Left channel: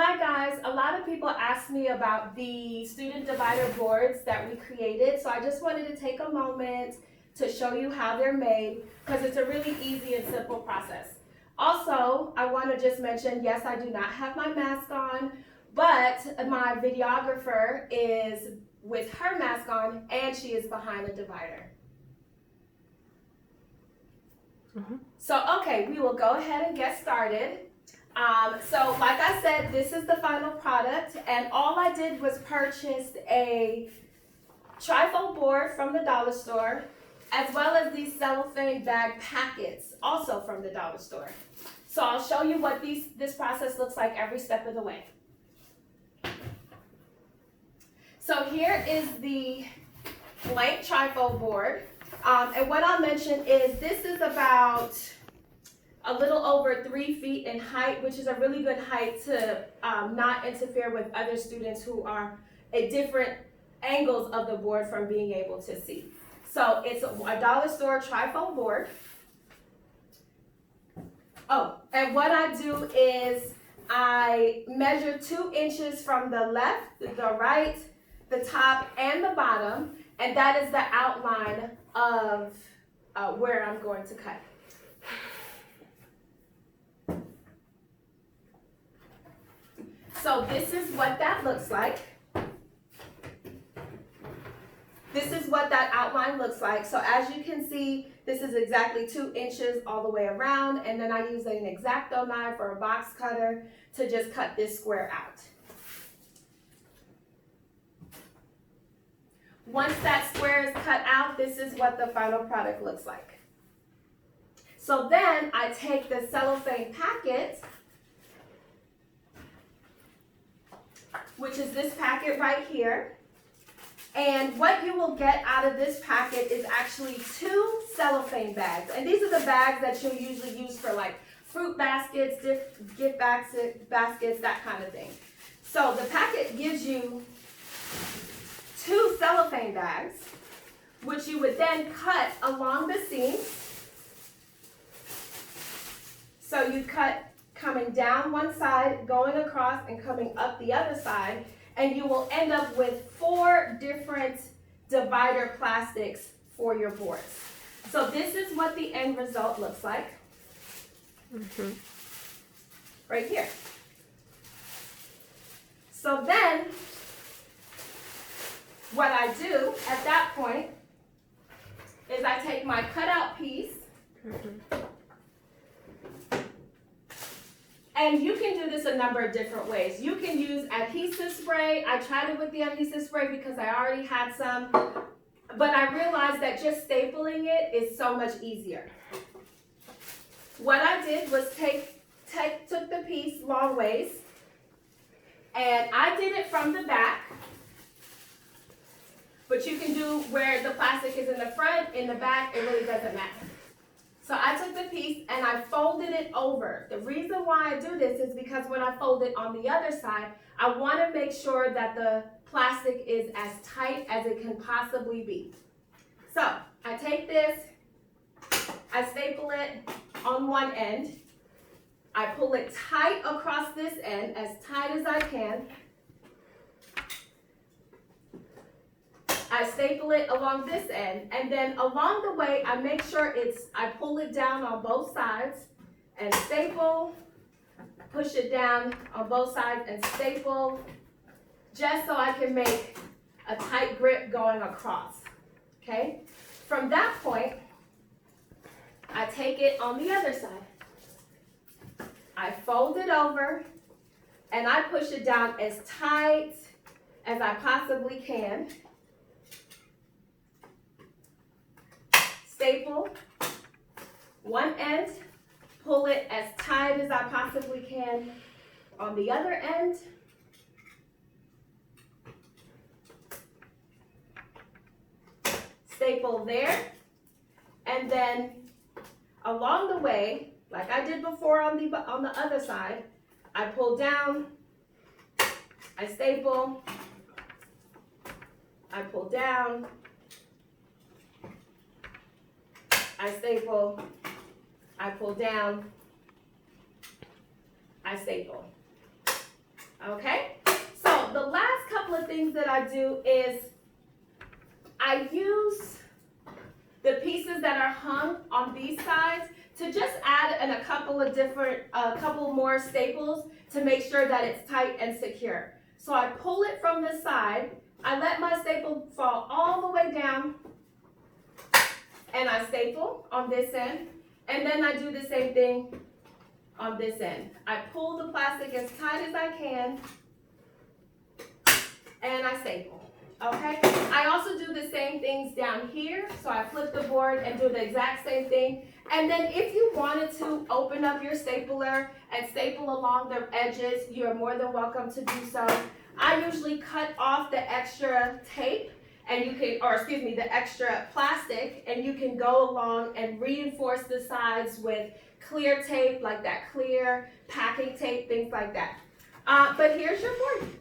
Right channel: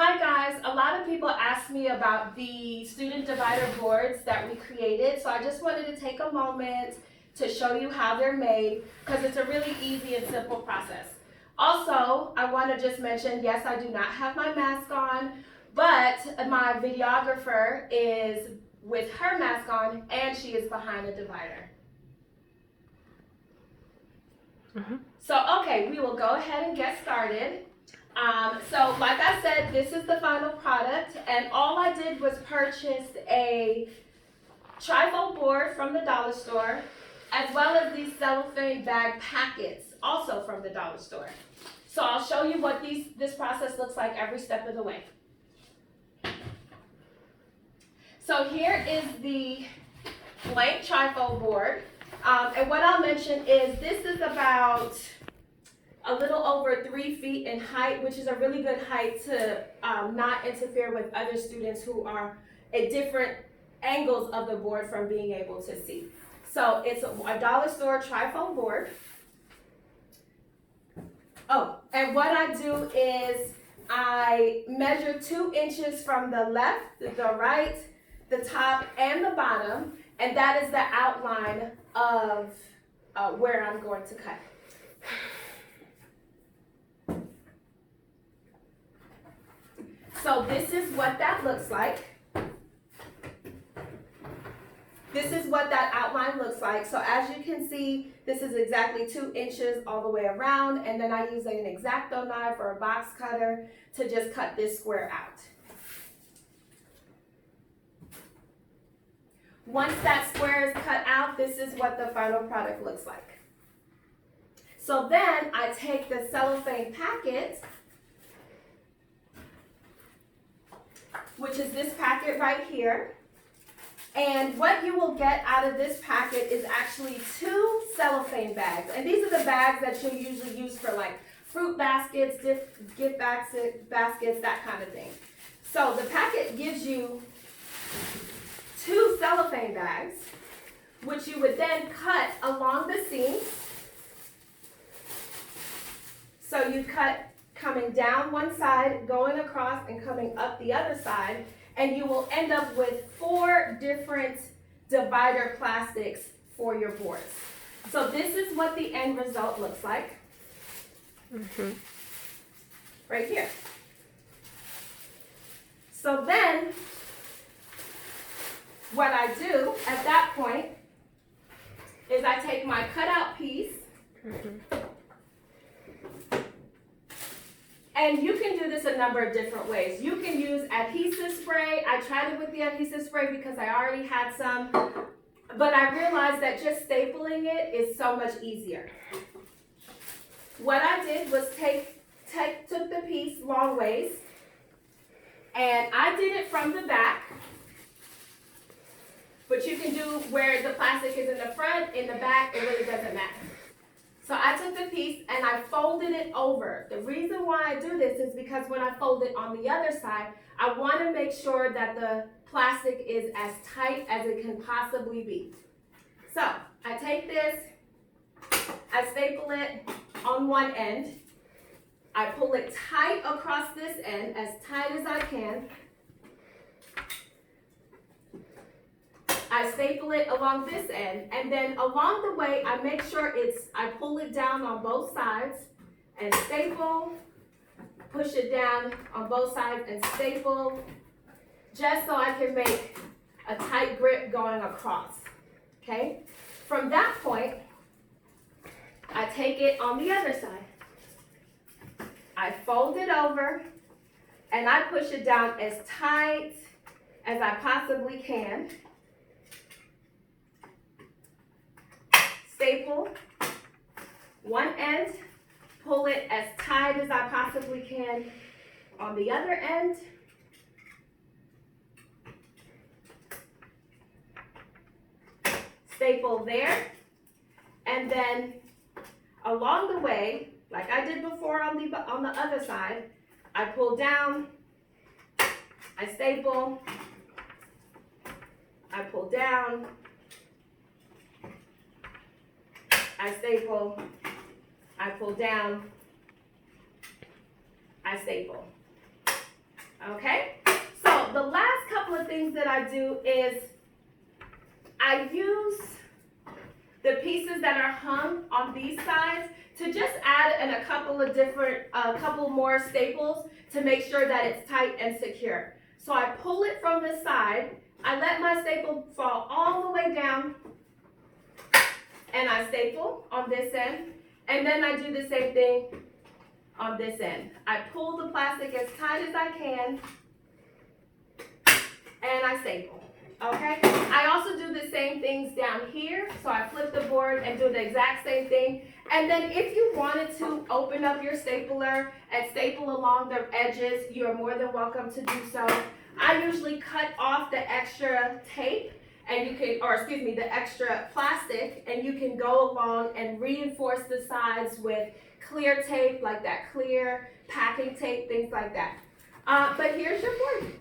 Hi guys, a lot of people ask me about the student divider boards that we created, so I just wanted to take a moment to show you how they're made because it's a really easy and simple process. Also, I want to just mention, yes, I do not have my mask on, but my videographer is with her mask on and she is behind the divider. So, okay, we will go ahead and get started. So like I said, this is the final product, and all I did was purchase a trifold board from the dollar store, as well as these cellophane bag packets, also from the dollar store. So I'll show you what this process looks like every step of the way. So here is the blank trifold board, and what I'll mention is this is about a little over 3 feet in height, which is a really good height to not interfere with other students who are at different angles of the board from being able to see. So it's a dollar store trifold board. Oh, and what I do is I measure 2 inches from the left, the right, the top, and the bottom, and that is the outline of where I'm going to cut. So this is what that looks like. This is what that outline looks like. So as you can see, this is exactly 2 inches all the way around, and then I use an X-Acto knife or a box cutter to just cut this square out. Once that square is cut out, this is what the final product looks like. So then I take the cellophane packet, which is this packet right here. And what you will get out of this packet is actually 2 cellophane bags. And these are the bags that you'll usually use for like fruit baskets, gift baskets, that kind of thing. So the packet gives you 2 cellophane bags, which you would then cut along the seams. So you cut coming down one side, going across, and coming up the other side, and you will end up with 4 different divider plastics for your boards. So this is what the end result looks like. Right here. So then, what I do at that point is I take my cutout piece, and you can do this a number of different ways. You can use adhesive spray. I tried it with the adhesive spray because I already had some, but I realized that just stapling it is so much easier. What I did was took the piece long ways, and I did it from the back, but you can do where the plastic is in the front, in the back, it really doesn't matter. So I took the piece and I folded it over. The reason why I do this is because when I fold it on the other side, I want to make sure that the plastic is as tight as it can possibly be. So I take this, I staple it on one end, I pull it tight across this end, as tight as I can. I staple it along this end, and then along the way, I make sure I pull it down on both sides and staple, push it down on both sides and staple, just so I can make a tight grip going across, okay? From that point, I take it on the other side. I fold it over, and I push it down as tight as I possibly can. Staple one end, pull it as tight as I possibly can on the other end. Staple there, and then along the way, like I did before on the other side, I pull down, I staple, I pull down, I staple, I pull down, I staple. Okay? So the last couple of things that I do is I use the pieces that are hung on these sides to just add in a couple of different, couple more staples to make sure that it's tight and secure. So I pull it from the side, I let my staple fall all the way down, and I staple on this end, and then I do the same thing on this end. I pull the plastic as tight as I can, and I staple, okay? I also do the same things down here, so I flip the board and do the exact same thing. And then if you wanted to open up your stapler and staple along the edges, you are more than welcome to do so. I usually cut off the extra tape, and you can, or excuse me, the extra plastic, and you can go along and reinforce the sides with clear tape, like that clear packing tape, things like that. But here's your board.